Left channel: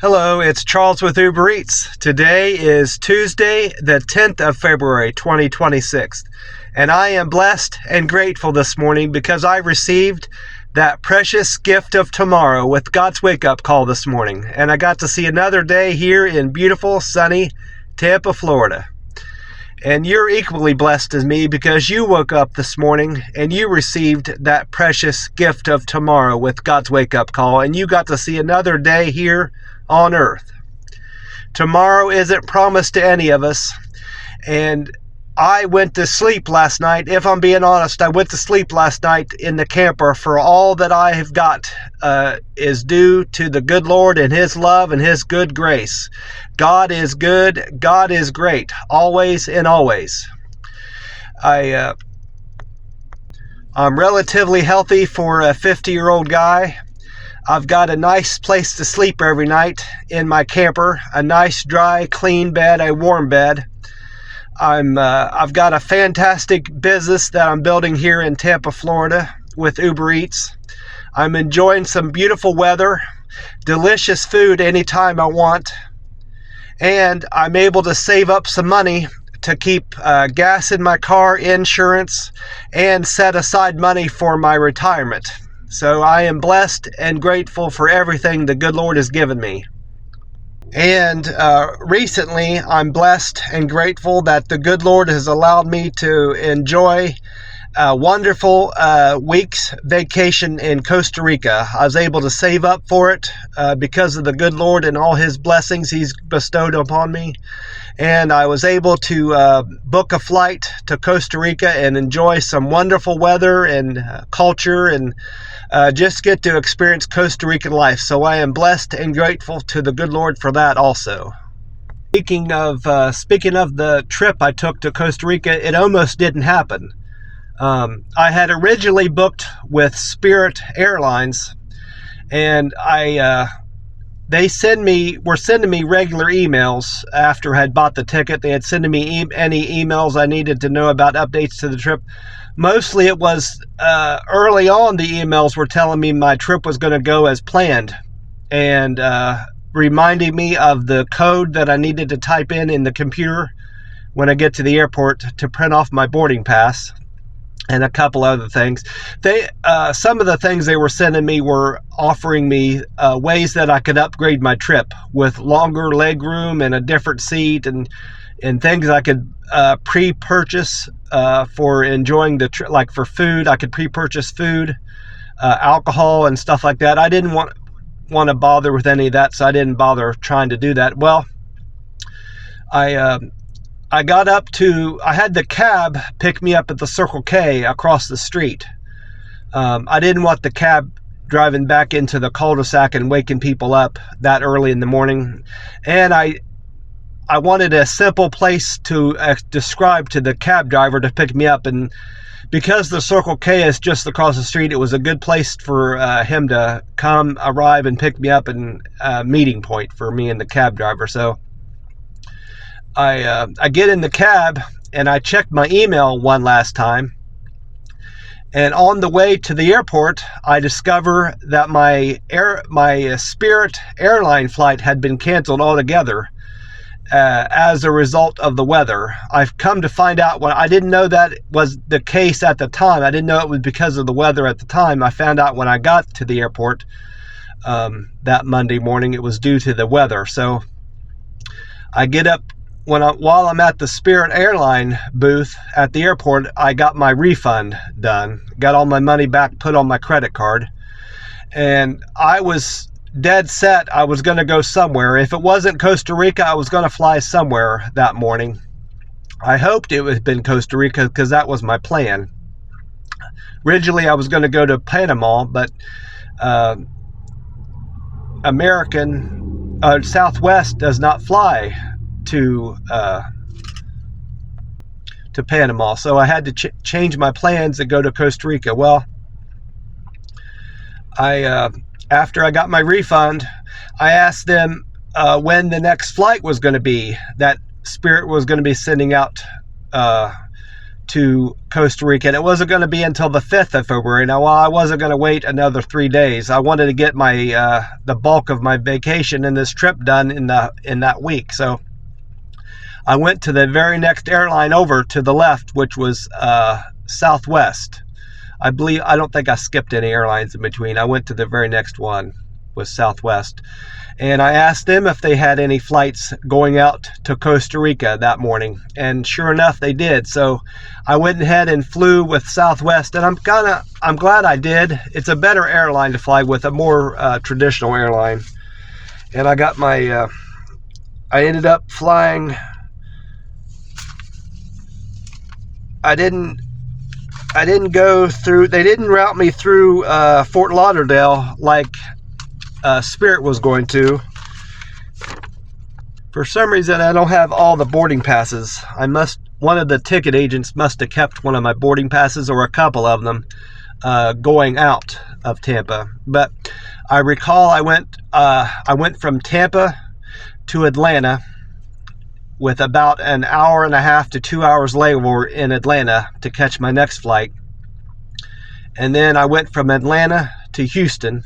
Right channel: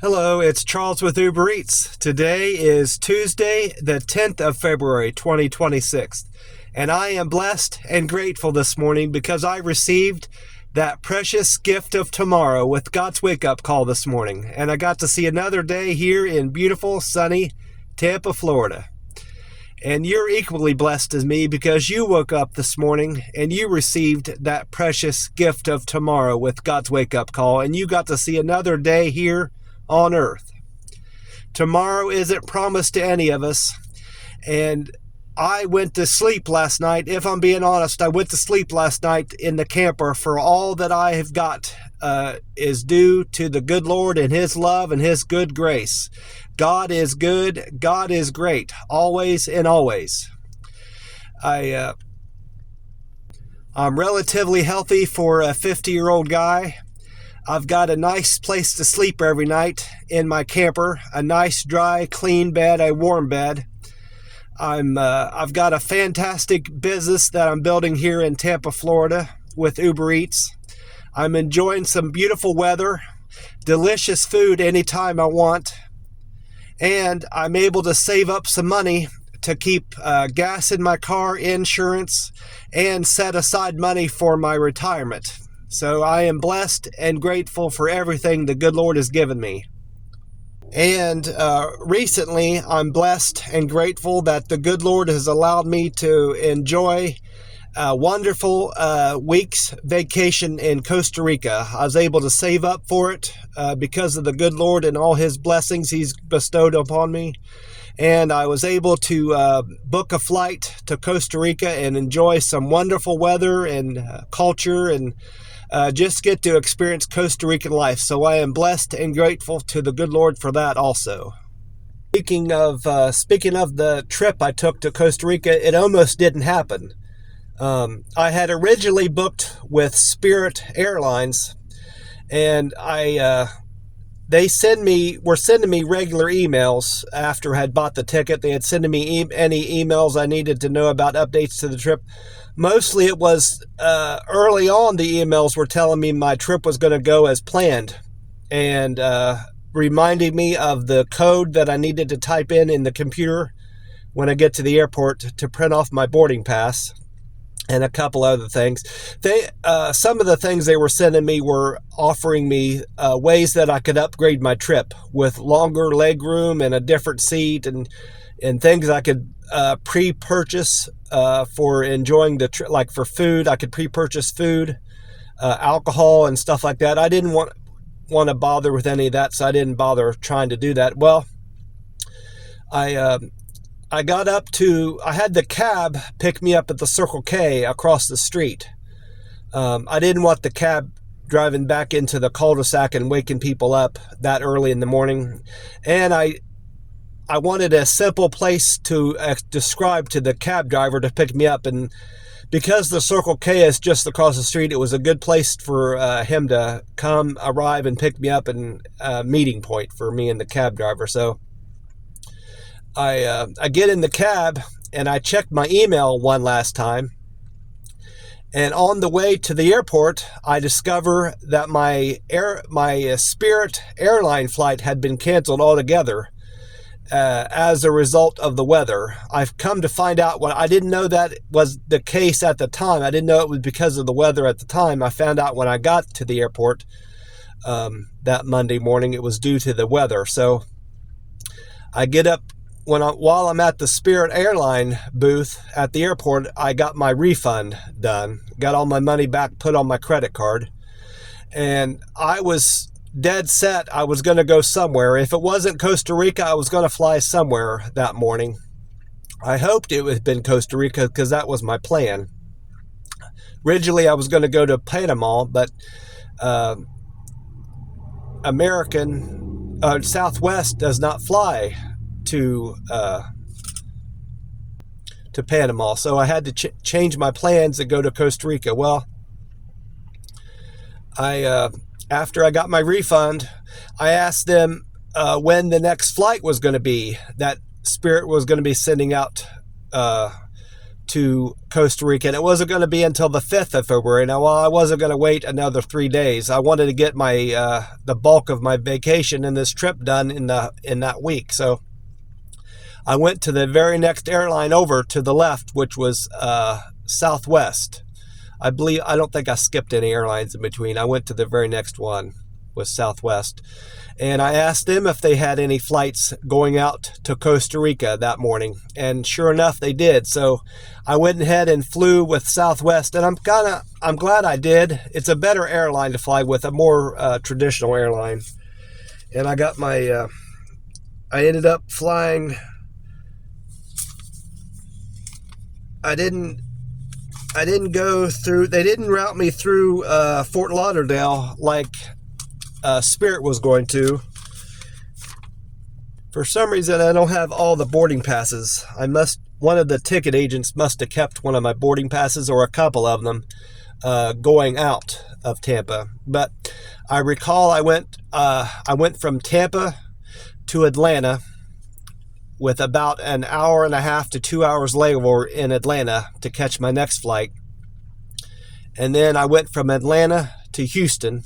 Hello, it's Charles with Uber Eats. Today is Tuesday, the 10th of February, 2026. And I am blessed and grateful this morning because I received that precious gift of tomorrow with God's wake-up call this morning. And I got to see another day here in beautiful, sunny Tampa, Florida. And you're equally blessed as me because you woke up this morning and you received that precious gift of tomorrow with God's wake-up call. And you got to see another day here on earth. Tomorrow isn't promised to any of us, and I went to sleep last night. If I'm being honest, I went to sleep last night in the camper, for all that I have got is due to the good Lord and His love and His good grace. God is good. God is great, always and always. I'm relatively healthy for a 50-year-old guy. I've got a nice place to sleep every night in my camper, a nice, dry, clean bed, a warm bed. I've got a fantastic business that I'm building here in Tampa, Florida with Uber Eats. I'm enjoying some beautiful weather, delicious food anytime I want, and I'm able to save up some money to keep gas in my car, insurance, and set aside money for my retirement. So I am blessed and grateful for everything the good Lord has given me. And recently, I'm blessed and grateful that the good Lord has allowed me to enjoy a wonderful week's vacation in Costa Rica. I was able to save up for it because of the good Lord and all His blessings He's bestowed upon me. And I was able to book a flight to Costa Rica and enjoy some wonderful weather and culture and just get to experience Costa Rican life. So I am blessed and grateful to the good Lord for that also. Speaking of the trip I took to Costa Rica, it almost didn't happen. I had originally booked with Spirit Airlines, and they were sending me regular emails after I had bought the ticket. They had sending me any emails I needed to know about updates to the trip. Mostly it was early on, the emails were telling me my trip was going to go as planned and reminding me of the code that I needed to type in the computer when I get to the airport to print off my boarding pass, and a couple other things. Some of the things they were sending me were offering me ways that I could upgrade my trip with longer leg room and a different seat and things I could pre-purchase for enjoying the trip. Like for food, I could pre-purchase food, alcohol and stuff like that. I didn't want to bother with any of that, so I didn't bother trying to do that. Well, I got up to, I had the cab pick me up at the Circle K across the street. I didn't want the cab driving back into the cul-de-sac and waking people up that early in the morning. And I wanted a simple place to describe to the cab driver to pick me up. And because the Circle K is just across the street, it was a good place for him to arrive and pick me up, and a meeting point for me and the cab driver. So I get in the cab and I checked my email one last time, and on the way to the airport I discover that my Spirit airline flight had been canceled altogether as a result of the weather. I've come to find out, I didn't know that was the case at the time. I didn't know it was because of the weather at the time. I found out when I got to the airport that Monday morning it was due to the weather. So I get up. While I'm at the Spirit Airline booth at the airport, I got my refund done. Got all my money back put on my credit card. And I was dead set I was going to go somewhere. If it wasn't Costa Rica, I was going to fly somewhere that morning. I hoped it would have been Costa Rica because that was my plan. Originally, I was going to go to Panama, but Southwest does not fly to Panama, so I had to change my plans and go to Costa Rica. Well, after I got my refund, I asked them when the next flight was going to be that Spirit was going to be sending out to Costa Rica, and it wasn't going to be until the 5th of February. Now, I wasn't going to wait another 3 days. I wanted to get my the bulk of my vacation and this trip done in that week. So I went to the very next airline over to the left, which was Southwest. I don't think I skipped any airlines in between. I went to the very next one, was Southwest. And I asked them if they had any flights going out to Costa Rica that morning. And sure enough, they did. So I went ahead and flew with Southwest. And I'm glad I did. It's a better airline to fly with, a more traditional airline. And I got my, I ended up flying. I didn't go through, they didn't route me through Fort Lauderdale like Spirit was going to. For some reason, I don't have all the boarding passes. One of the ticket agents must have kept one of my boarding passes, or a couple of them, going out of Tampa. But I recall I went from Tampa to Atlanta with about an hour and a half to 2 hours layover in Atlanta to catch my next flight. And then I went from Atlanta to Houston,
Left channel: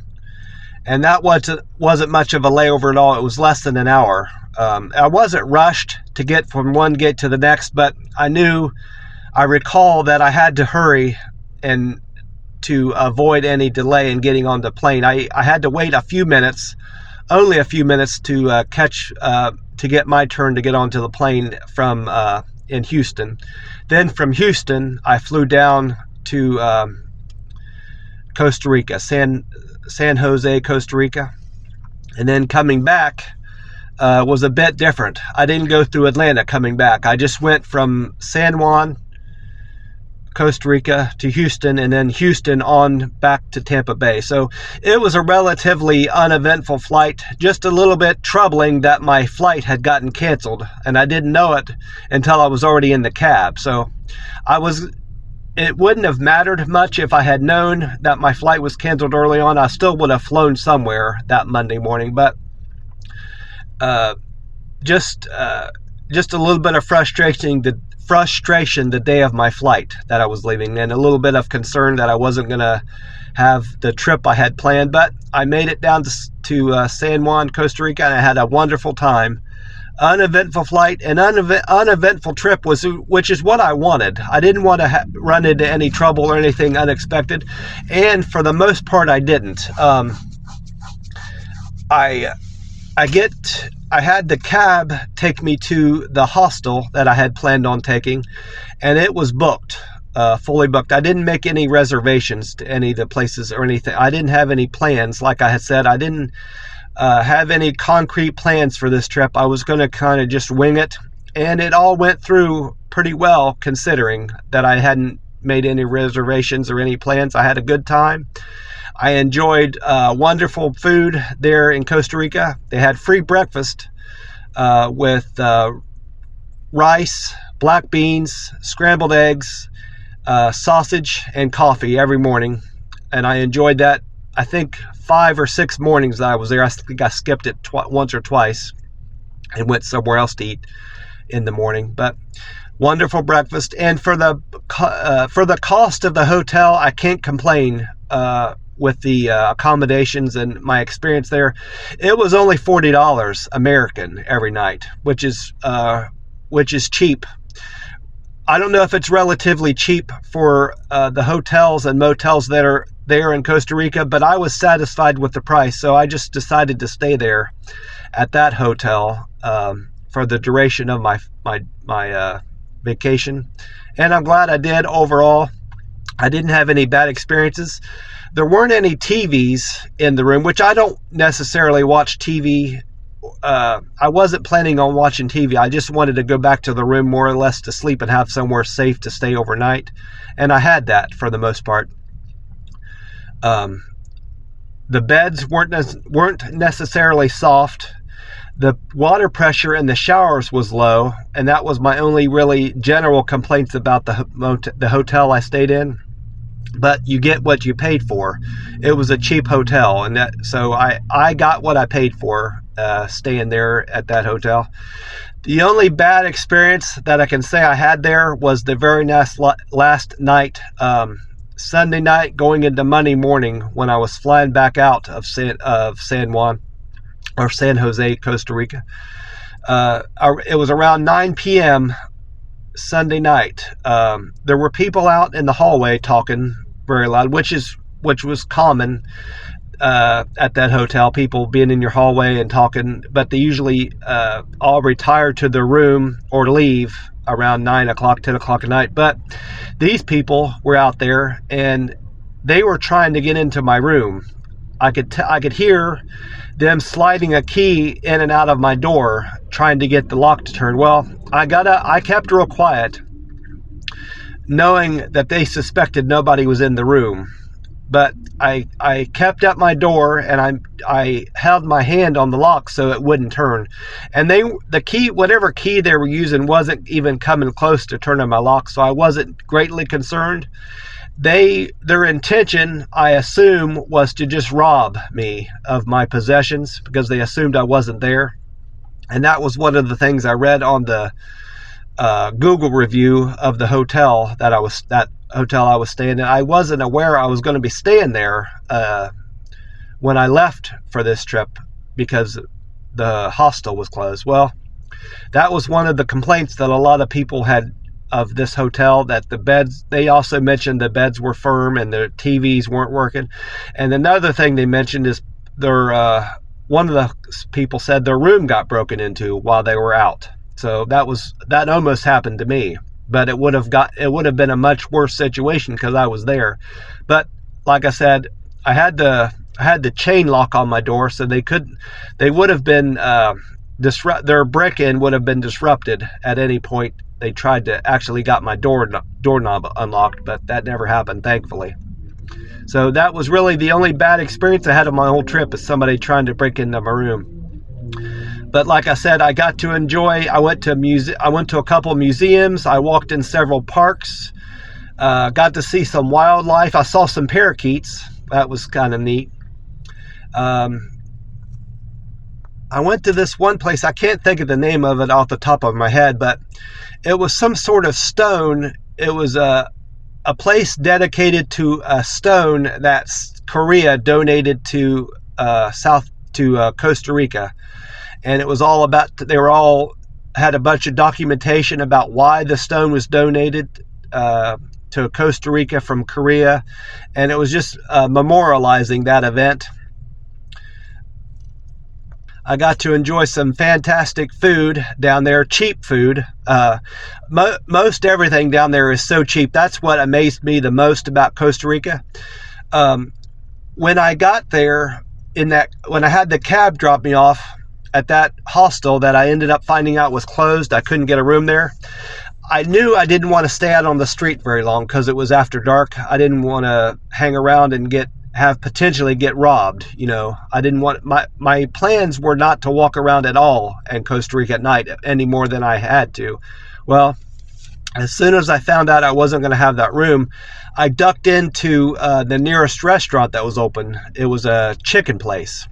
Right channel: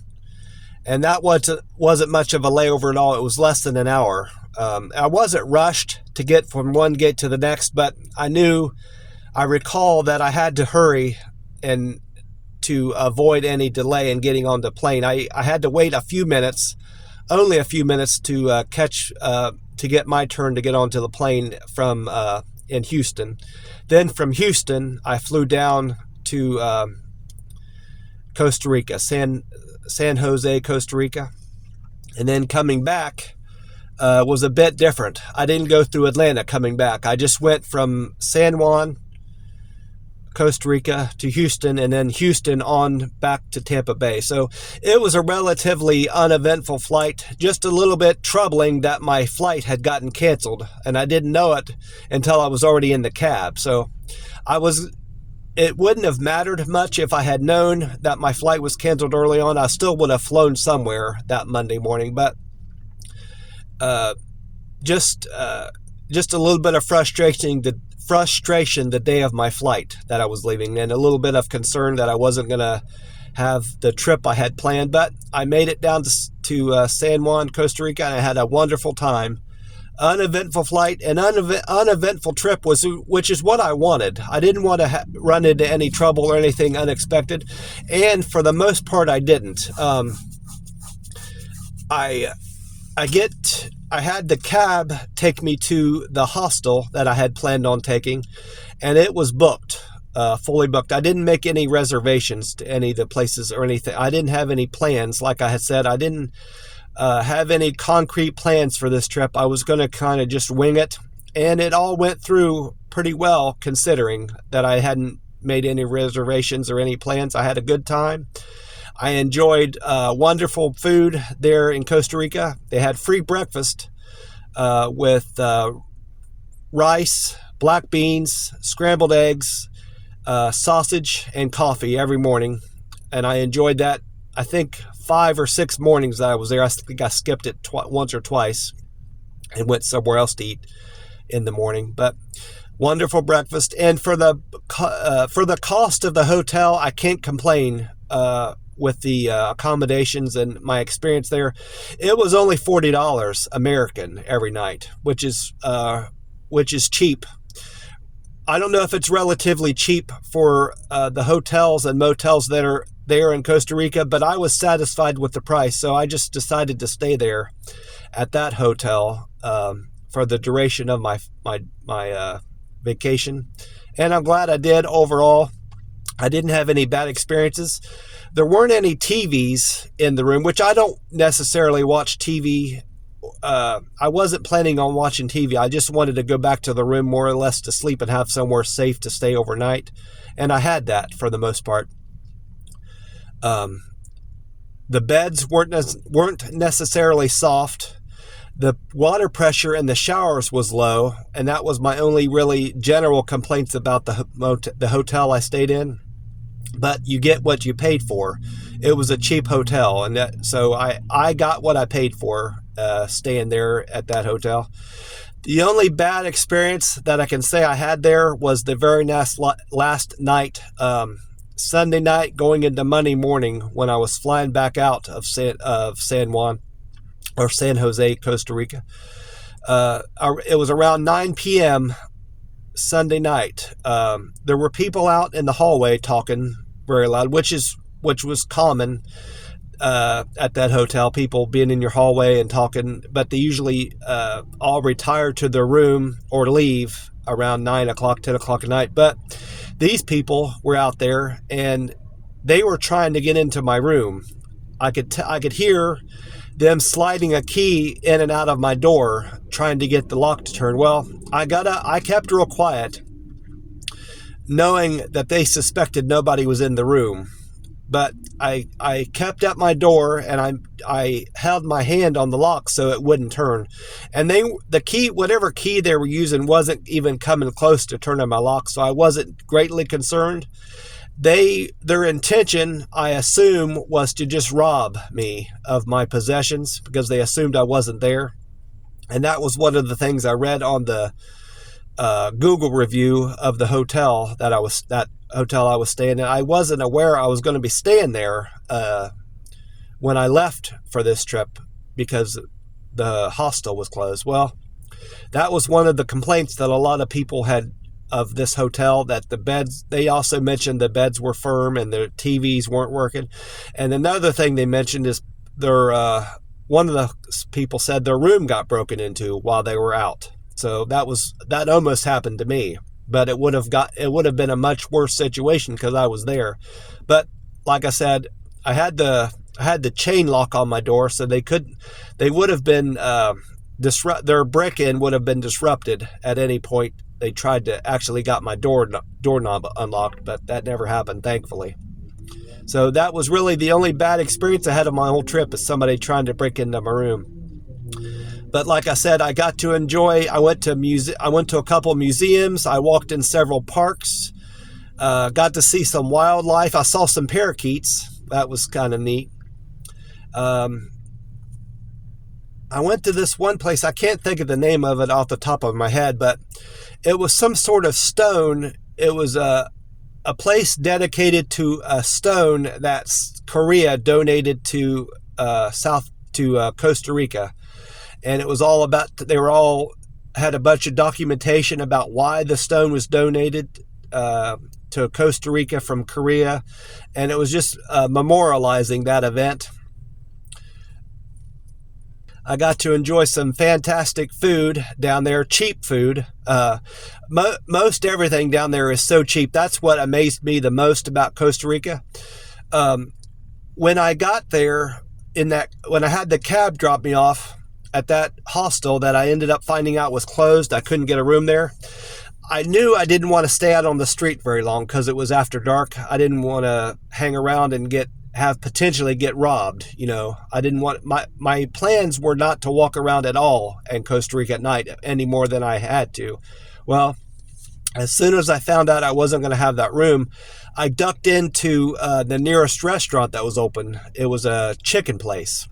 and that wasn't much of a layover at all. It was less than an hour. I wasn't rushed to get from one gate to the next, but I recall that I had to hurry and to avoid any delay in getting on the plane. I had to wait only a few minutes to to get my turn to get onto the plane from in Houston. Then from Houston, I flew down to Costa Rica, San Jose, Costa Rica. And then coming back was a bit different. I didn't go through Atlanta coming back. I just went from San Juan, Costa Rica to Houston, and then Houston on back to Tampa Bay. So it was a relatively uneventful flight, just a little bit troubling that my flight had gotten canceled, and I didn't know it until I was already in the cab. So it wouldn't have mattered much if I had known that my flight was canceled early on. I still would have flown somewhere that Monday morning, but just a little bit of frustration the day of my flight that I was leaving, and a little bit of concern that I wasn't going to have the trip I had planned. But I made it down to San Juan, Costa Rica, and I had a wonderful time. Uneventful flight and uneventful trip, which is what I wanted. I didn't want to run into any trouble or anything unexpected, and for the most part I didn't. I had the cab take me to the hostel that I had planned on taking, and it was booked, fully booked. I didn't make any reservations to any of the places or anything. I didn't have any plans. Like I had said, I didn't have any concrete plans for this trip. I was going to kind of just wing it, and it all went through pretty well considering that I hadn't made any reservations or any plans. I had a good time. I enjoyed wonderful food there in Costa Rica. They had free breakfast with rice, black beans, scrambled eggs, sausage, and coffee every morning. And I enjoyed that. I think 5 or 6 mornings that I was there. I think I skipped it once or twice and went somewhere else to eat in the morning. But wonderful breakfast. And for the cost of the hotel, I can't complain. With the accommodations and my experience there, it was only $40 American every night, which is cheap. I don't know if it's relatively cheap for the hotels and motels that are there in Costa Rica, but I was satisfied with the price, so I just decided to stay there at that hotel for the duration of my vacation, and I'm glad I did overall. I didn't have any bad experiences. There weren't any TVs in the room, which I don't necessarily watch TV. I wasn't planning on watching TV. I just wanted to go back to the room more or less to sleep and have somewhere safe to stay overnight. And I had that for the most part. The beds weren't necessarily soft. The water pressure in the showers was low, and that was my only really general complaints about the hotel I stayed in. But you get what you paid for. It was a cheap hotel, and so I got what I paid for staying there at that hotel. The only bad experience that I can say I had there was the very last night, Sunday night going into Monday morning, when I was flying back out of San Juan, or San Jose, Costa Rica. It was around 9 p.m. Sunday night. There were people out in the hallway talking very loud, which was common at that hotel, people being in your hallway and talking, but they usually all retire to their room or leave around 9 o'clock, 10 o'clock at night. But these people were out there and they were trying to get into my room. I could hear them sliding a key in and out of my door, trying to get the lock to turn. Well, I kept real quiet, knowing that they suspected nobody was in the room. But I kept at my door and I held my hand on the lock so it wouldn't turn. And the key, whatever key they were using, wasn't even coming close to turning my lock, so I wasn't greatly concerned. Their intention, I assume, was to just rob me of my possessions because they assumed I wasn't there. And that was one of the things I read on the Google review of the hotel that hotel I was staying in. I wasn't aware I was going to be staying there when I left for this trip because the hostel was closed. Well, that was one of the complaints that a lot of people had of this hotel, that the beds, they also mentioned the beds were firm and the TVs weren't working. And another thing they mentioned is one of the people said their room got broken into while they were out. So that almost happened to me, but it would have been a much worse situation because I was there. But like I said, I had the chain lock on my door, so they would have been their break-in would have been disrupted at any point. They tried to actually got my doorknob unlocked, but that never happened, thankfully. So that was really the only bad experience I had on my whole trip, is somebody trying to break into my room. But like I said, I got to enjoy. I went to a couple of museums. I walked in several parks. Got to see some wildlife. I saw some parakeets. That was kind of neat. I went to this one place. I can't think of the name of it off the top of my head, but it was some sort of stone. It was a place dedicated to a stone that Korea donated to Costa Rica. And it was all about, had a bunch of documentation about why the stone was donated to Costa Rica from Korea. And it was just memorializing that event. I got to enjoy some fantastic food down there, cheap food. Most everything down there is so cheap. That's what amazed me the most about Costa Rica. When I got there, when I had the cab drop me off at that hostel that I ended up finding out was closed, I couldn't get a room there. I knew I didn't want to stay out on the street very long because it was after dark. I didn't want to hang around and potentially get robbed. You know, I didn't want, my plans were not to walk around at all in Costa Rica at night any more than I had to. Well, as soon as I found out I wasn't going to have that room, I ducked into the nearest restaurant that was open. It was a chicken place.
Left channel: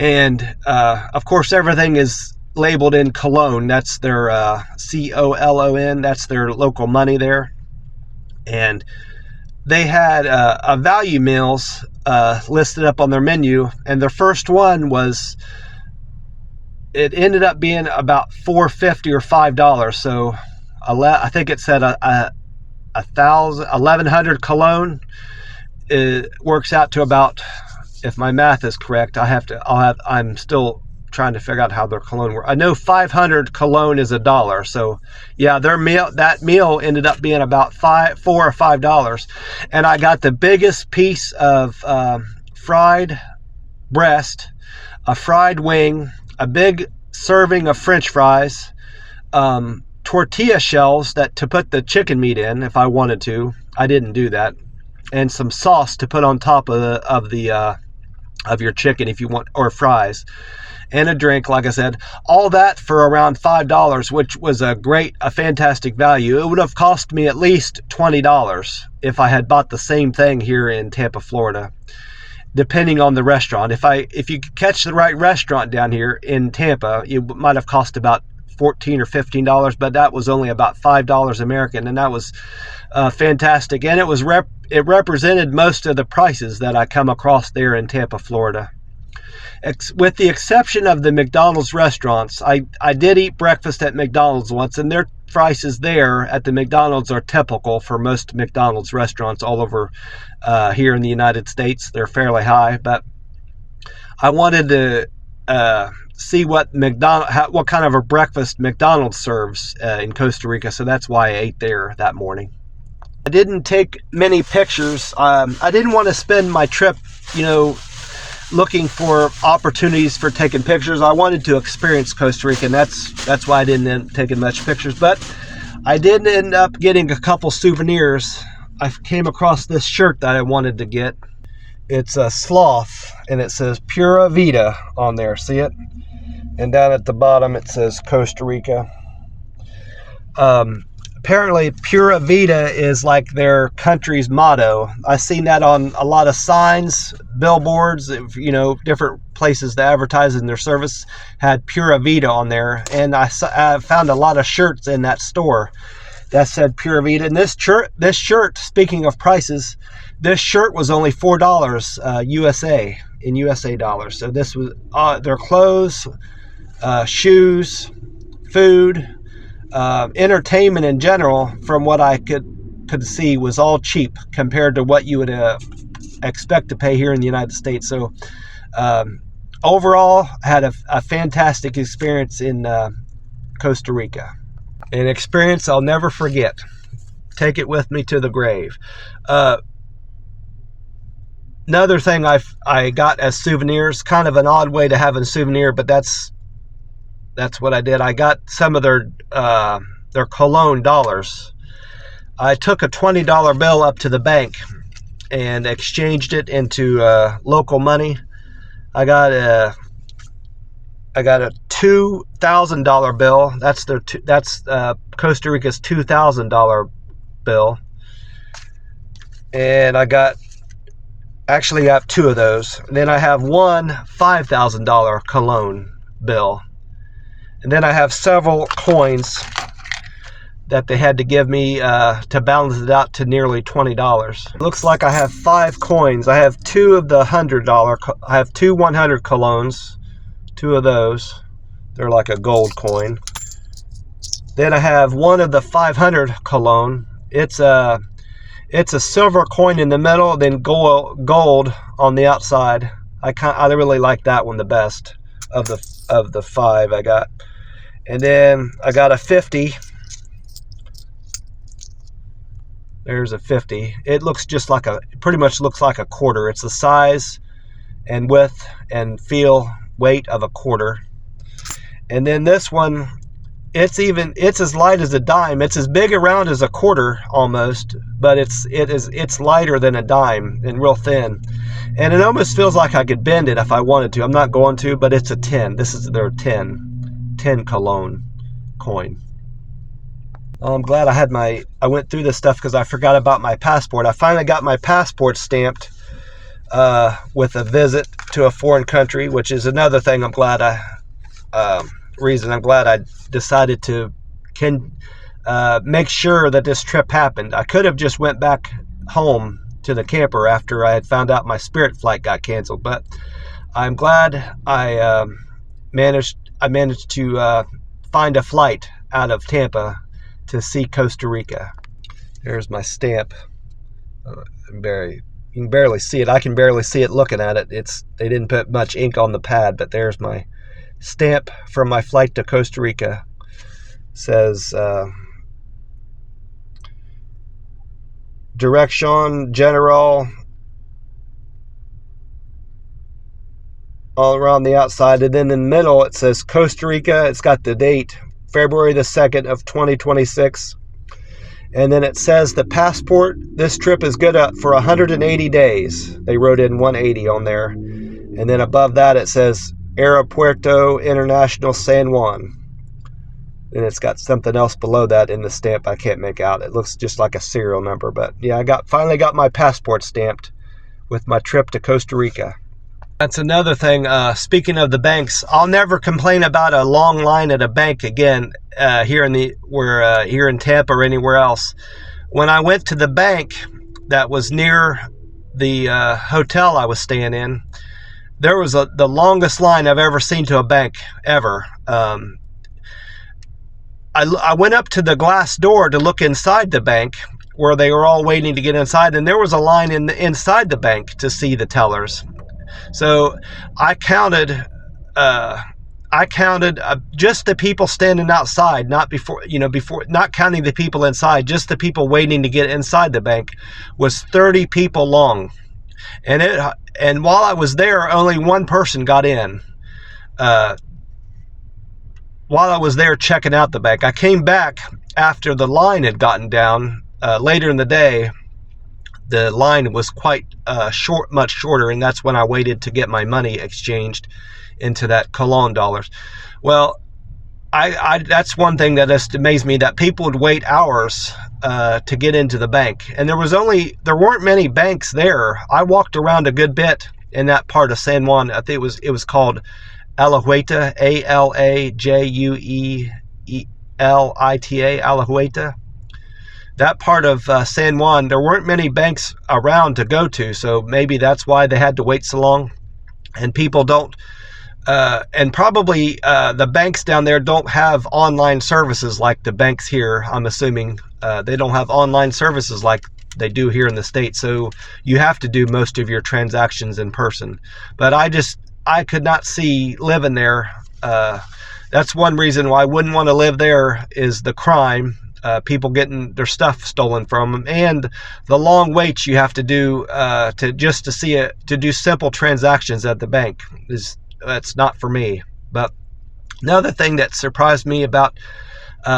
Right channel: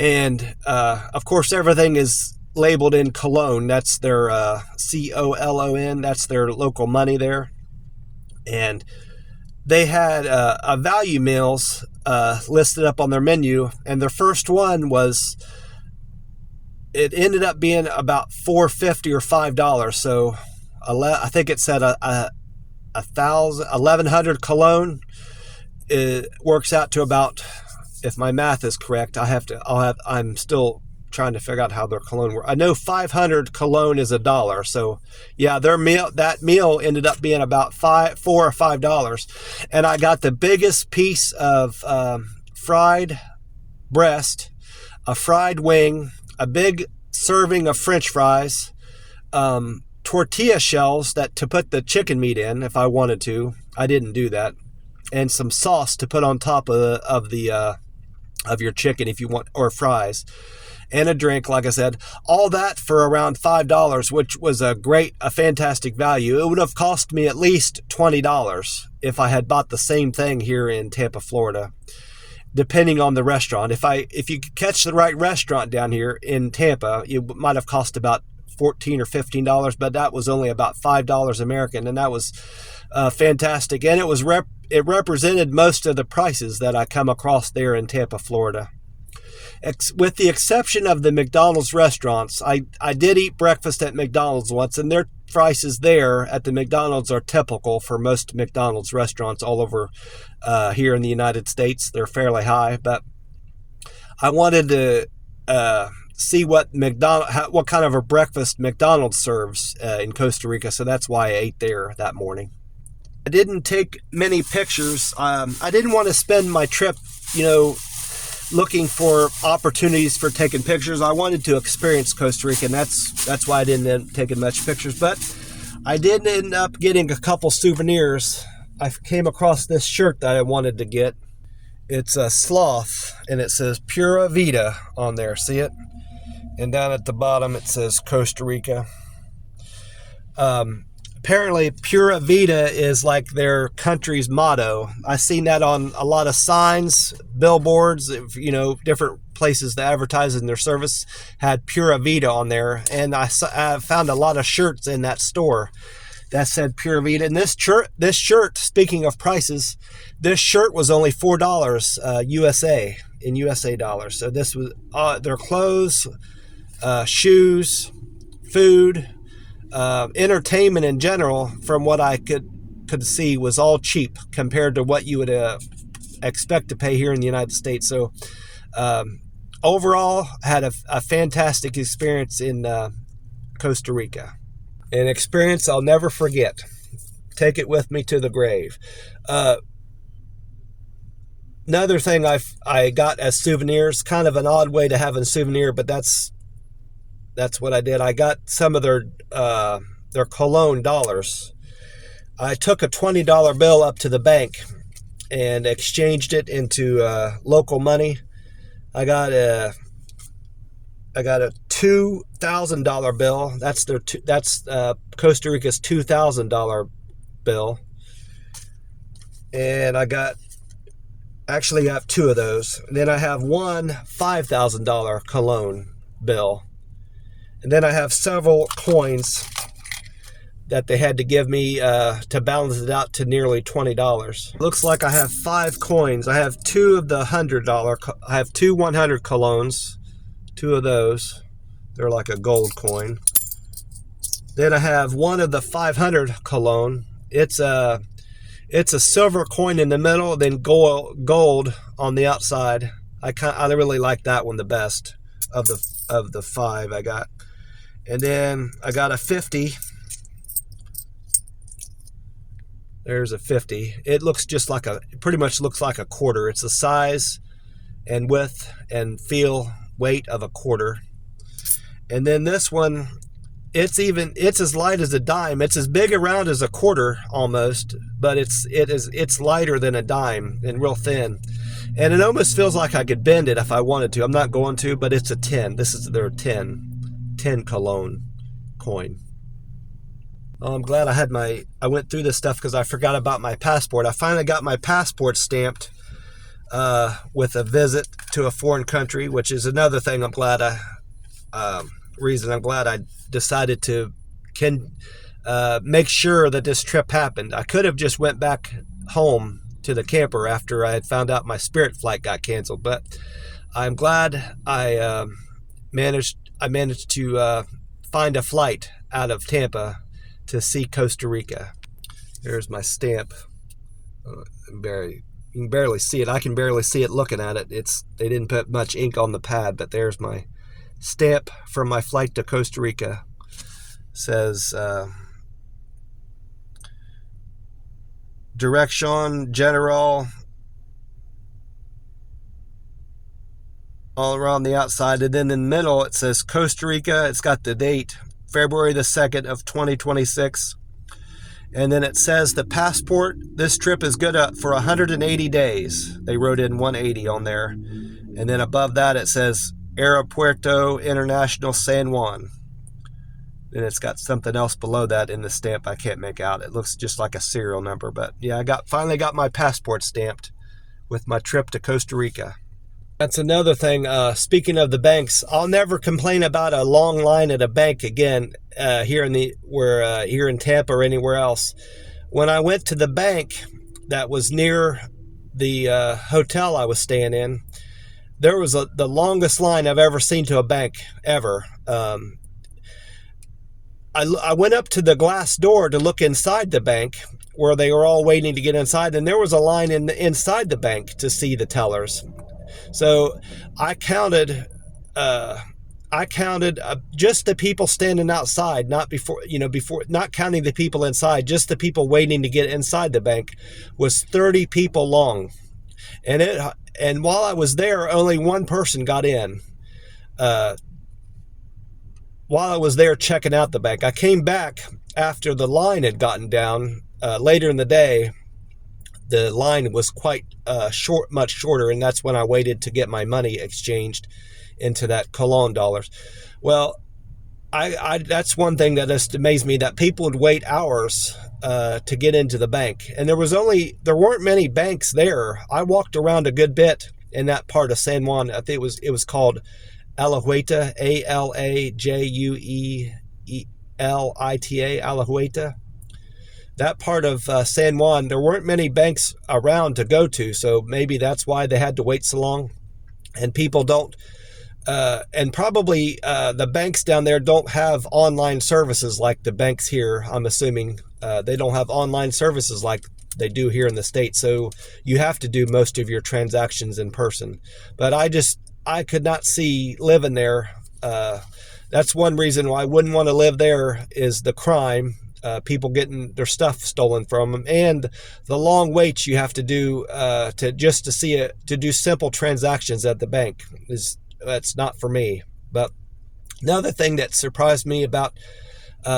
And of course, everything is labeled in Colon. That's their COLON. That's their local money there. And they had a value meals listed up on their menu. And their first one it ended up being about $4.50 or $5. So I think it said 1,100 Colon. It works out to about, if my math is correct, I'm still trying to figure out how their Colon works. I know 500 Colon is $1. So yeah, that meal ended up being about $4 or $5. And I got the biggest piece of fried breast, a fried wing, a big serving of French fries, tortilla shells to put the chicken meat in if I wanted to. I didn't do that. And some sauce to put on top of your chicken if you want, or fries, and a drink, like I said. All that for around $5, which was a fantastic value. It would have cost me at least $20 if I had bought the same thing here in Tampa, Florida, depending on the restaurant. If you could catch the right restaurant down here in Tampa, it might have cost about $14 or $15, but that was only about $5 American, and that was fantastic. And it represented most of the prices that I come across there in Tampa, Florida. With the exception of the McDonald's restaurants, I did eat breakfast at McDonald's once, and their prices there at the McDonald's are typical for most McDonald's restaurants all over here in the United States. They're fairly high, but I wanted to see what kind of a breakfast McDonald's serves in Costa Rica, so that's why I ate there that morning. I didn't take many pictures. I didn't want to spend my trip, looking for opportunities for taking pictures. I wanted to experience Costa Rica, and that's why I didn't end up taking much pictures. But I did end up getting a couple souvenirs. I came across this shirt that I wanted to get. It's a sloth, and it says Pura Vida on there. See it? And down at the bottom it says Costa Rica. Apparently Pura Vida is like their country's motto. I've seen that on a lot of signs, billboards, different places that advertise in their service had Pura Vida on there. And I found a lot of shirts in that store that said Pura Vida. And this shirt, speaking of prices, this shirt was only $4 USA, in USA dollars. So this was their clothes, shoes, food, entertainment in general, from what I could see, was all cheap compared to what you would expect to pay here in the United States. So overall, I had a fantastic experience in Costa Rica. An experience I'll never forget. Take it with me to the grave. Another thing I got as souvenirs, kind of an odd way to have a souvenir, but that's what I did. I got some of their cologne dollars. I took a $20 bill up to the bank and exchanged it into local money. I got a $2,000 bill. That's Costa Rica's $2,000 bill, and I actually have two of those. And then I have one $5,000 cologne bill. And then I have several coins that they had to give me to balance it out to nearly $20. It looks like I have 5 coins. I have 2 of the $100. I have 2 100 colognes, 2 of those. They're like a gold coin. Then I have 1 of the 500 cologne. It's a silver coin in the middle, then gold on the outside. I really like that one the best of the 5 I got. And then I got a 50. There's a 50. It looks just like pretty much looks like a quarter. It's the size and width and weight of a quarter. And then this one, it's as light as a dime. It's as big around as a quarter almost, but it's lighter than a dime and real thin. And it almost feels like I could bend it if I wanted to. I'm not going to, but it's a 10. This is their 10 cologne coin. I'm glad I went through this stuff because I forgot about my passport. I finally got my passport stamped with a visit to a foreign country, which is another thing I'm glad I decided to make sure that this trip happened. I could have just went back home to the camper after I had found out my Spirit flight got canceled, but I'm glad I managed to find a flight out of Tampa to see Costa Rica. There's my stamp. You can barely see it. I can barely see it looking at it. They didn't put much ink on the pad, but there's my stamp from my flight to Costa Rica. Says Direction General all around the outside, and then in the middle it says Costa Rica. It's got the date, February the 2nd of 2026. And then it says the passport, this trip is good for 180 days. They wrote in 180 on there. And then above that it says Aeropuerto International San Juan. And it's got something else below that in the stamp I can't make out. It looks just like a serial number. But yeah, I finally got my passport stamped with my trip to Costa Rica. That's another thing. Speaking of the banks, I'll never complain about a long line at a bank again here in Tampa or anywhere else. When I went to the bank that was near the hotel I was staying in, there was the longest line I've ever seen to a bank ever. I went up to the glass door to look inside the bank where they were all waiting to get inside, and there was a line inside the bank to see the tellers. So I counted just the people standing outside, not not counting the people inside, just the people waiting to get inside the bank was 30 people long. And while I was there, only one person got in. While I was there checking out the bank, I came back after the line had gotten down. Later in the day, the line was quite much shorter, and that's when I waited to get my money exchanged into that Cologne dollars. Well, that's one thing that just amazed me, that people would wait hours to get into the bank, and there weren't many banks there. I walked around a good bit in that part of San Juan. I think it was called Alajuelita, Alajuelita, Alajuelita. That part of San Juan, there weren't many banks around to go to, so maybe that's why they had to wait so long. And people don't, and probably the banks down there don't have online services like the banks here. I'm assuming they don't have online services like they do here in the States, so you have to do most of your transactions in person. But I could not see living there. That's one reason why I wouldn't want to live there, is the crime. People getting their stuff stolen from them, and the long waits you have to do to do simple transactions at the bank. That's not for me. But another thing that surprised me about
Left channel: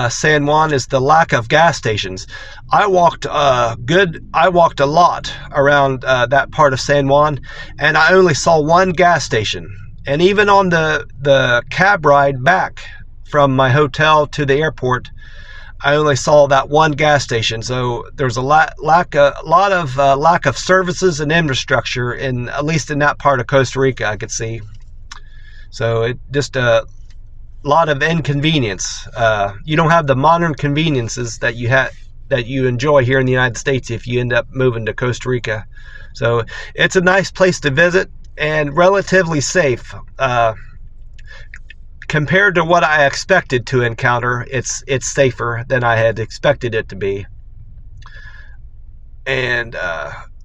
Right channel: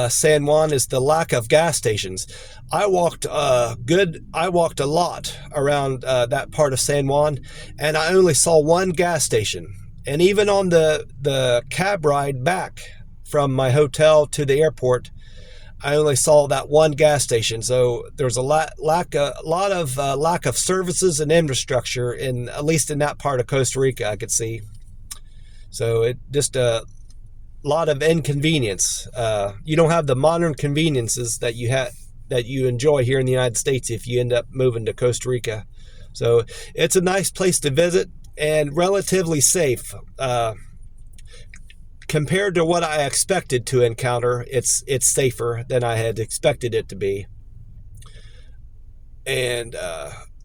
San Juan is the lack of gas stations. I walked a lot around that part of San Juan, and I only saw one gas station. And even on the cab ride back from my hotel to the airport, I only saw that one gas station. So there's a lot of services and infrastructure at least in that part of Costa Rica I could see. So it just a lot of inconvenience. You don't have the modern conveniences that you enjoy here in the United States if you end up moving to Costa Rica. So it's a nice place to visit and relatively safe. Compared to what I expected to encounter, it's safer than I had expected it to be. And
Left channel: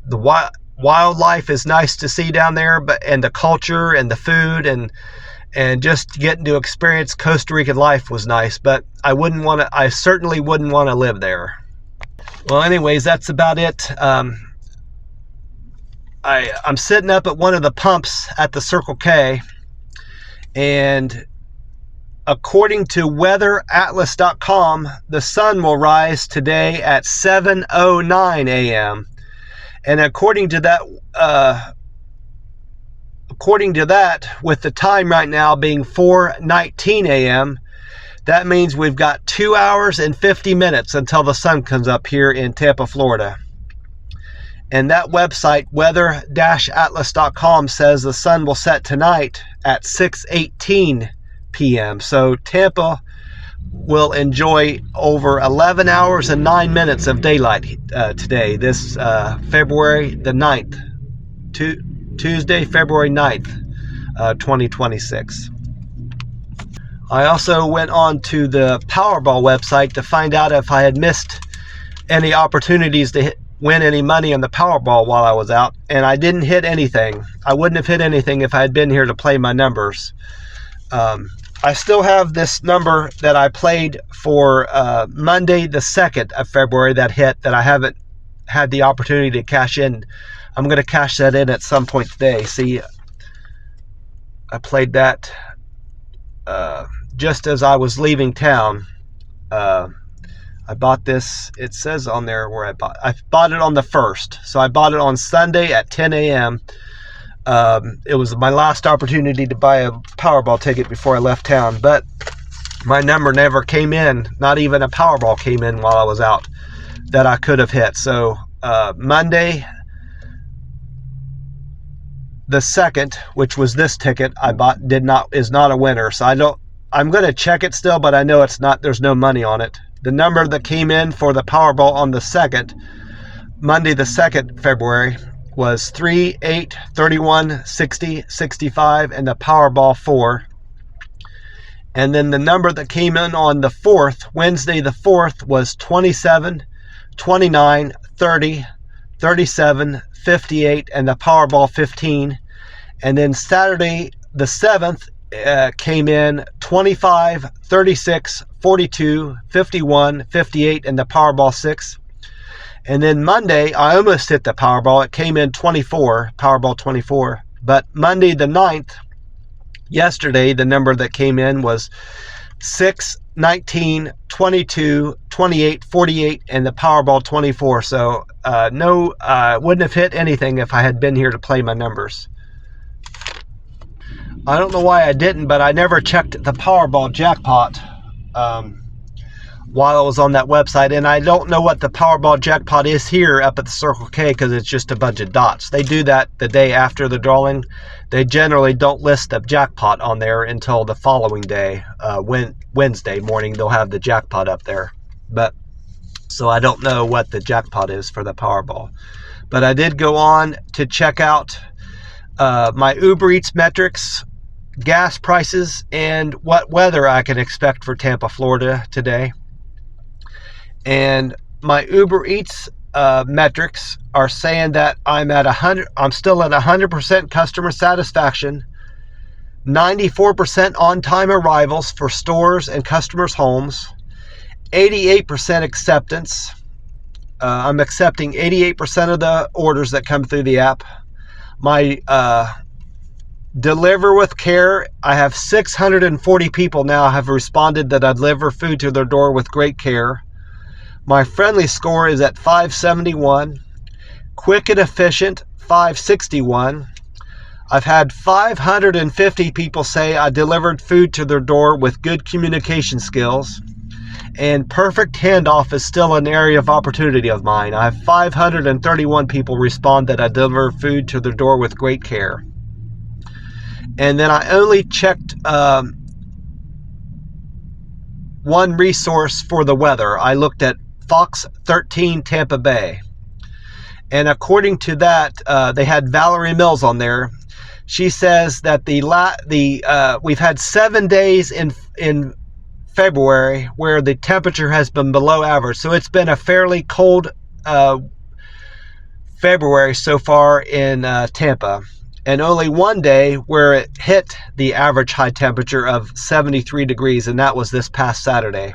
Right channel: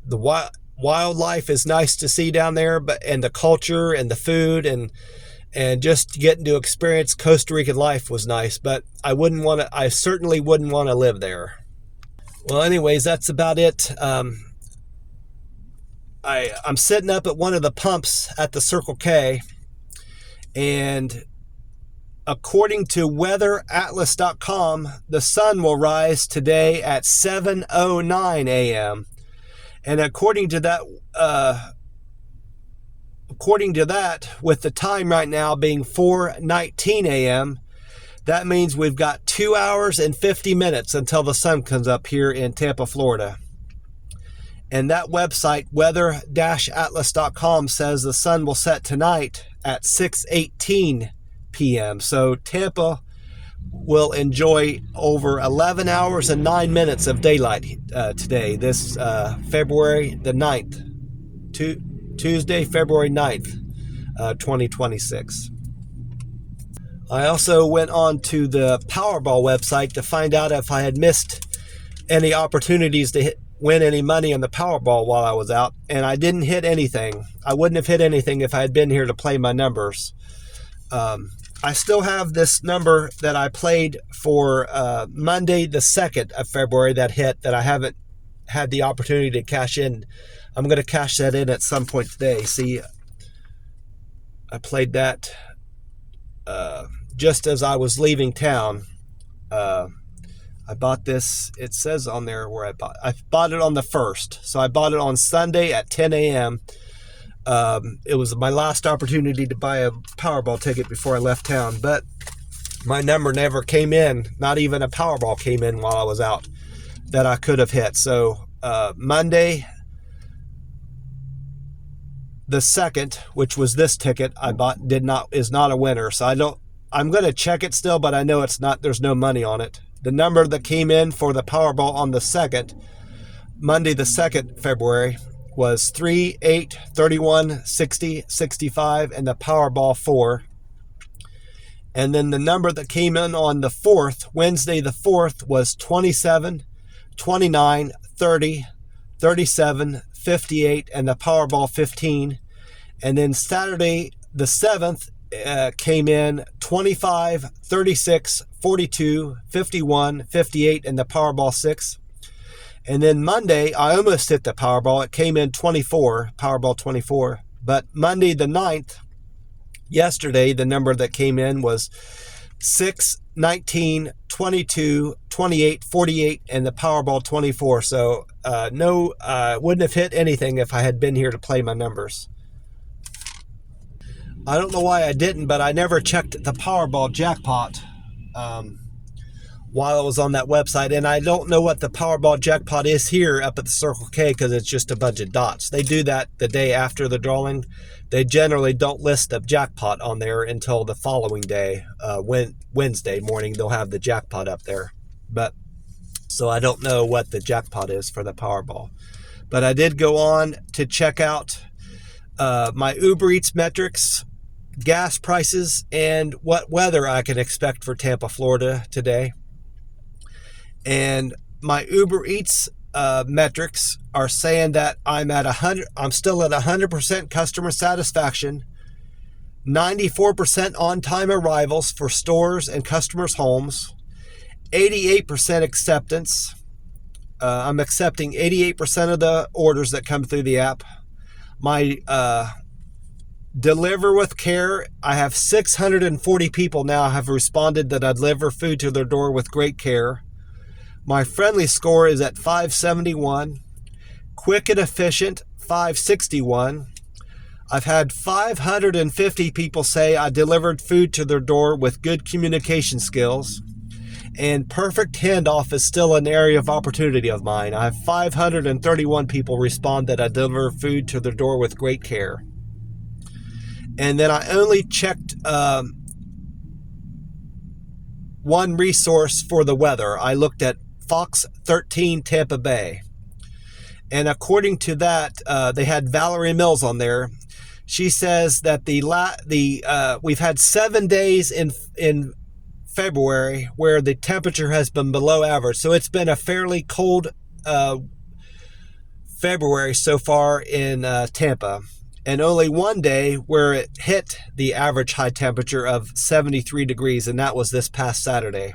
the wildlife is nice to see down there, and the culture and the food and just getting to experience Costa Rican life was nice. But I certainly wouldn't want to live there. Well, anyways, that's about it. I'm sitting up at one of the pumps at the Circle K, and according to weatheratlas.com, the sun will rise today at 7:09 a.m. And according to that, with the time right now being 4:19 a.m., that means we've got 2 hours and 50 minutes until the sun comes up here in Tampa, Florida. And that website, weather-atlas.com, says the sun will set tonight at 6:18 p.m. So Tampa will enjoy over 11 hours and 9 minutes of daylight today, this February the 9th, Tuesday, February 9th, 2026. I also went on to the Powerball website to find out if I had missed any opportunities to win any money on the Powerball while I was out, and I didn't hit anything. I wouldn't have hit anything if I had been here to play my numbers. I still have this number that I played for Monday the 2nd of February that hit, that I haven't had the opportunity to cash in. I'm going to cash that in at some point today. See, I played that just as I was leaving town. I bought this, it says on there where I bought it on the 1st. So I bought it on Sunday at 10 a.m. It was my last opportunity to buy a Powerball ticket before I left town, but my number never came in. Not even a Powerball came in while I was out that I could have hit. So Monday, the second, which was this ticket I bought, is not a winner. So I'm going to check it still, but I know it's not, there's no money on it. The number that came in for the Powerball on the second, Monday the 2nd February, was 3, 8, 31, 60, 65, and the Powerball 4. And then the number that came in on the 4th, Wednesday the 4th, was 27, 29, 30, 37, 58, and the Powerball 15. And then Saturday the 7th came in 25, 36, 42, 51, 58, and the Powerball 6. And then Monday, I almost hit the Powerball. It came in 24, Powerball 24. But Monday the 9th, yesterday, the number that came in was 6, 19, 22, 28, 48, and the Powerball 24. So wouldn't have hit anything if I had been here to play my numbers. I don't know why I didn't, but I never checked the Powerball jackpot while I was on that website. And I don't know what the Powerball jackpot is here up at the Circle K because it's just a bunch of dots. They do that the day after the drawing. They generally don't list the jackpot on there until the following day. Wednesday morning, they'll have the jackpot up there. So I don't know what the jackpot is for the Powerball. But I did go on to check out my Uber Eats metrics, gas prices, and what weather I can expect for Tampa, Florida today. And my Uber Eats metrics are saying that I'm still at 100% customer satisfaction, 94% on-time arrivals for stores and customers' homes, 88% acceptance. I'm accepting 88% of the orders that come through the app. My Deliver with Care, I have 640 people now have responded that I deliver food to their door with great care. My friendly score is at 571. Quick and efficient, 561. I've had 550 people say I delivered food to their door with good communication skills. And perfect handoff is still an area of opportunity of mine. I have 531 people respond that I deliver food to their door with great care. And then I only checked one resource for the weather. I looked at Fox 13 Tampa Bay. And according to that, they had Valerie Mills on there. She says that we've had 7 days in February where the temperature has been below average. So it's been a fairly cold February so far in Tampa. And only one day where it hit the average high temperature of 73 degrees, and that was this past Saturday.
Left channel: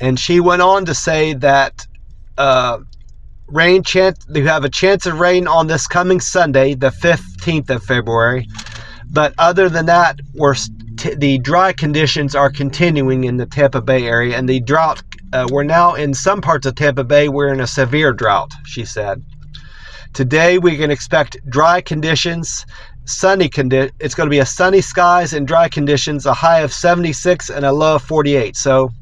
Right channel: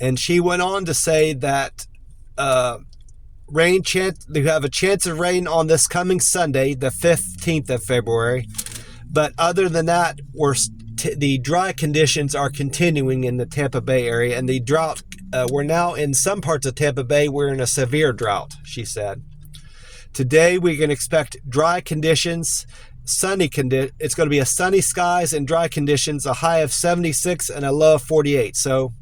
And she went on to say that you have a chance of rain on this coming Sunday, the 15th of February. But other than that, the dry conditions are continuing in the Tampa Bay area, and the drought, we're now in some parts of Tampa Bay, we're in a severe drought, she said. Today we can expect dry conditions, it's going to be a sunny skies and dry conditions, a high of 76 and a low of 48. So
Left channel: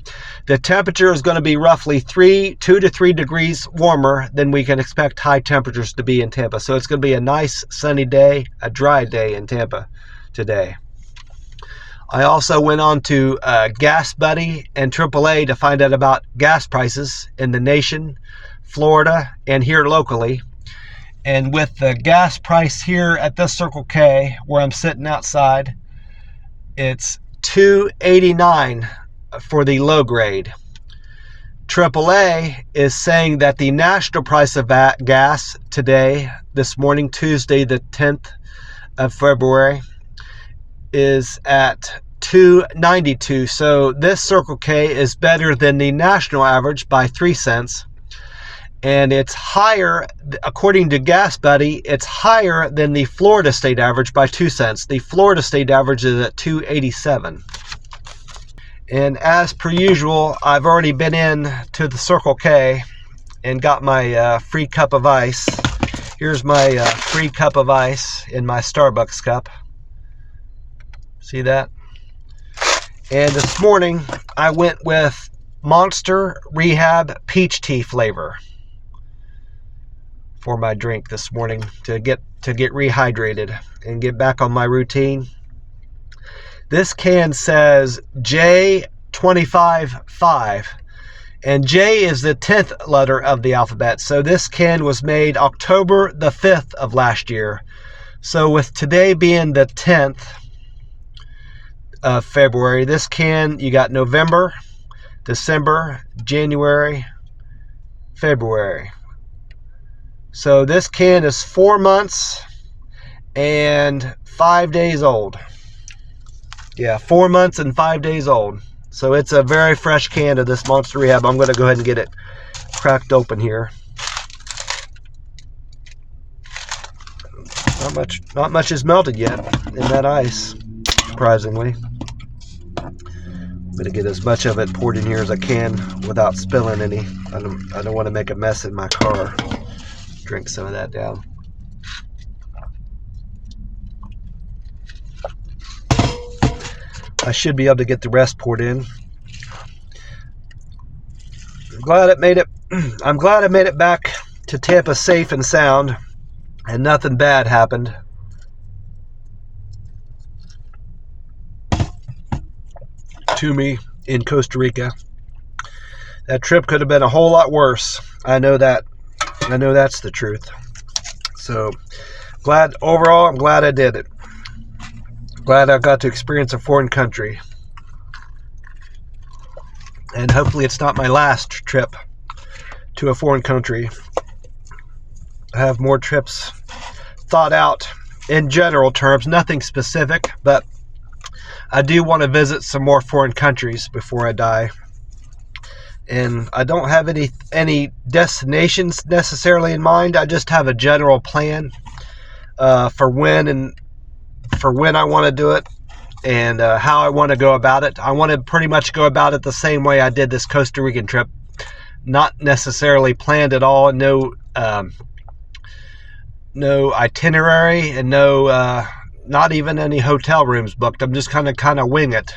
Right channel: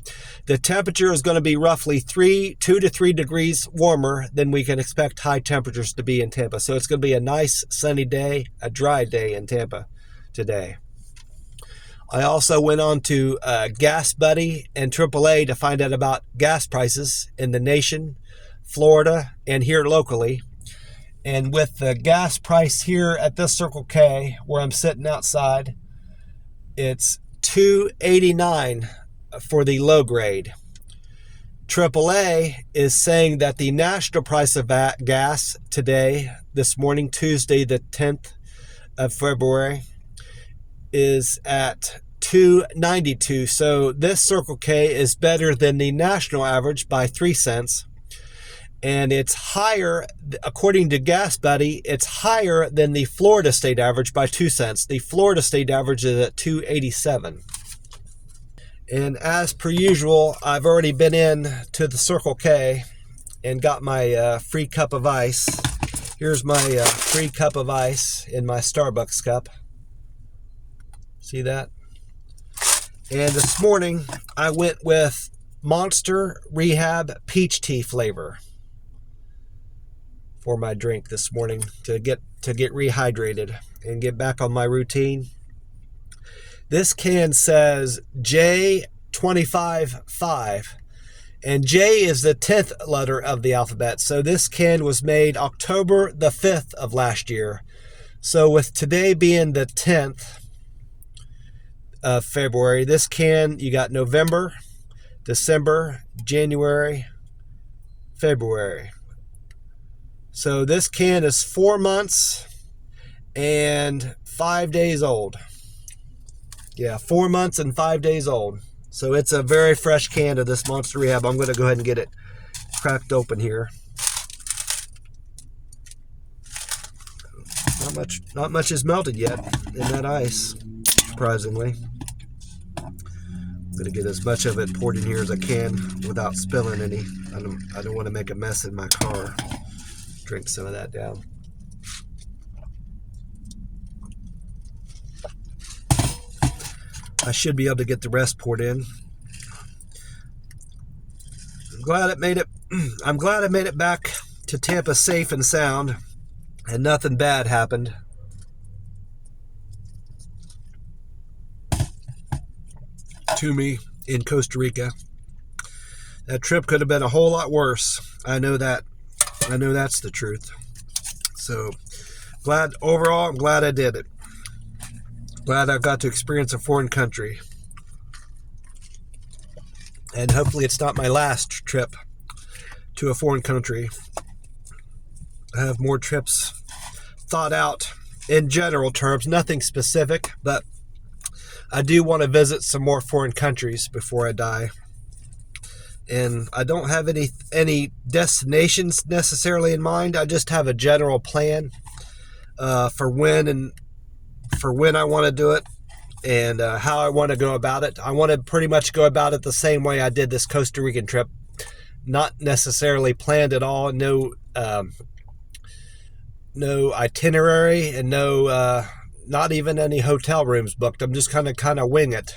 the temperature is going to be roughly 2 to 3 degrees warmer than we can expect high temperatures to be in Tampa. So it's going to be a nice sunny day, a dry day in Tampa today. I also went on to Gas Buddy and AAA to find out about gas prices in the nation, Florida, and here locally. And with the gas price here at this Circle K, where I'm sitting outside, it's $2.89 for the low grade. AAA is saying that the national price of gas today, this morning, Tuesday, the 10th of February, is at $2.92. So this Circle K is better than the national average by 3 cents. And it's higher, according to Gas Buddy, it's higher than the Florida state average by 2 cents. The Florida state average is at $2.87. And as per usual, I've already been in to the Circle K and got my free cup of ice. Here's my free cup of ice in my Starbucks cup. See that? And this morning, I went with Monster Rehab Peach Tea flavor. for my drink this morning to get rehydrated and get back on my routine. This can says J255, and J is the 10th letter of the alphabet. So this can was made October the 5th of last year. So with today being the 10th of February, this can, you got November, December, January, February. So this can is 4 months and 5 days old. Yeah, 4 months and 5 days old. So it's a very fresh can of this Monster Rehab. I'm going to go ahead and get it cracked open here. Not much is melted yet in that ice, surprisingly. I'm going to get as much of it poured in here as I can without spilling any. I don't want to make a mess in my car. Drink some of that down. I should be able to get the rest poured in. I'm glad I made it back to Tampa safe and sound, and nothing bad happened. To me in Costa Rica. That trip could have been a whole lot worse. I know that. I know that's the truth. So overall, I'm glad I did it. Glad I got to experience a foreign country. And hopefully it's not my last trip to a foreign country. I have more trips thought out in general terms, nothing specific, but I do want to visit some more foreign countries before I die. And I don't have any destinations necessarily in mind. I just have a general plan for when I want to do it and how I want to go about it. I want to pretty much go about it the same way I did this Costa Rican trip. Not necessarily planned at all. No itinerary and not even any hotel rooms booked. I'm just kind of wing it.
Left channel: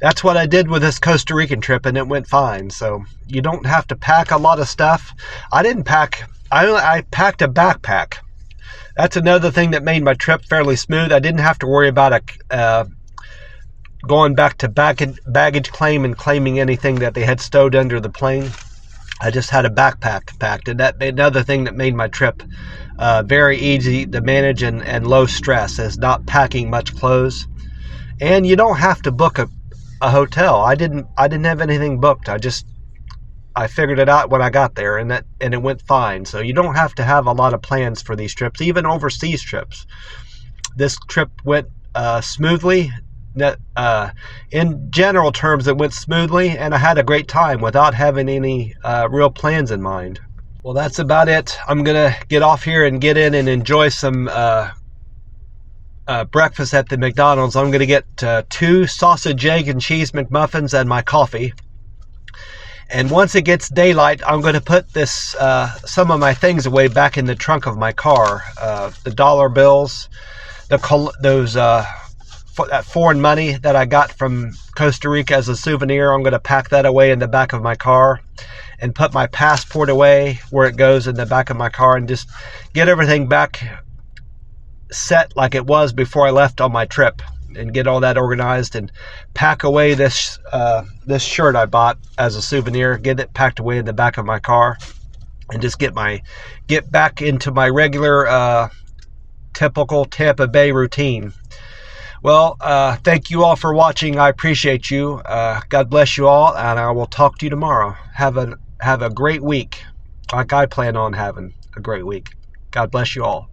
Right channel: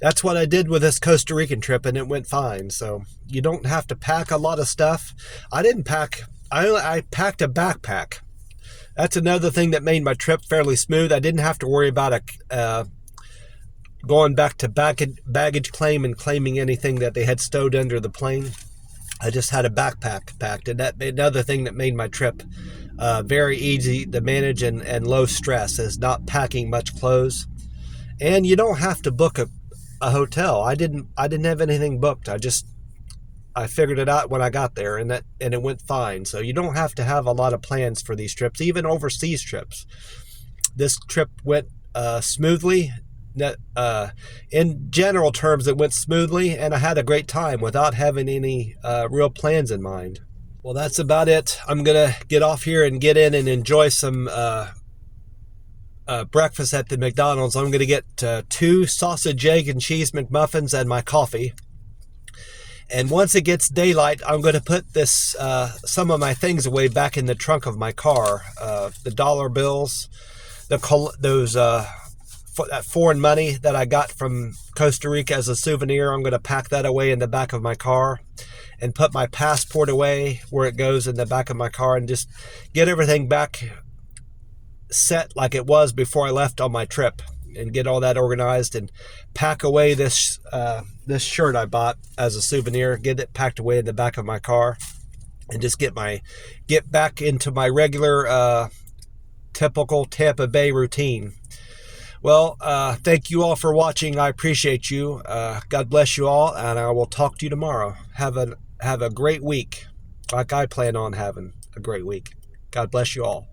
That's what I did with this Costa Rican trip, and it went fine. So you don't have to pack a lot of stuff. I didn't pack. I packed a backpack. That's another thing that made my trip fairly smooth. I didn't have to worry about going back to baggage claim and claiming anything that they had stowed under the plane. I just had a backpack packed, and that another thing that made my trip very easy to manage and low stress is not packing much clothes. And you don't have to book a hotel. I didn't have anything booked. I figured it out when I got there, and it went fine. So you don't have to have a lot of plans for these trips, even overseas trips. This trip went smoothly. In general terms, it went smoothly, and I had a great time without having any real plans in mind. Well, that's about it. I'm gonna get off here and get in and enjoy some breakfast at the McDonald's. I'm gonna get 2 sausage, egg, and cheese McMuffins and my coffee. And once it gets daylight, I'm going to put this some of my things away back in the trunk of my car. The dollar bills, that foreign money that I got from Costa Rica as a souvenir. I'm going to pack that away in the back of my car and put my passport away where it goes in the back of my car, and just get everything back set like it was before I left on my trip, and get all that organized and pack away this shirt I bought as a souvenir, get it packed away in the back of my car, and just get back into my regular typical Tampa Bay routine. Well, thank you all for watching. I appreciate you. God bless you all, and I will talk to you tomorrow. Have a great week, like I plan on having a great week. God bless you all.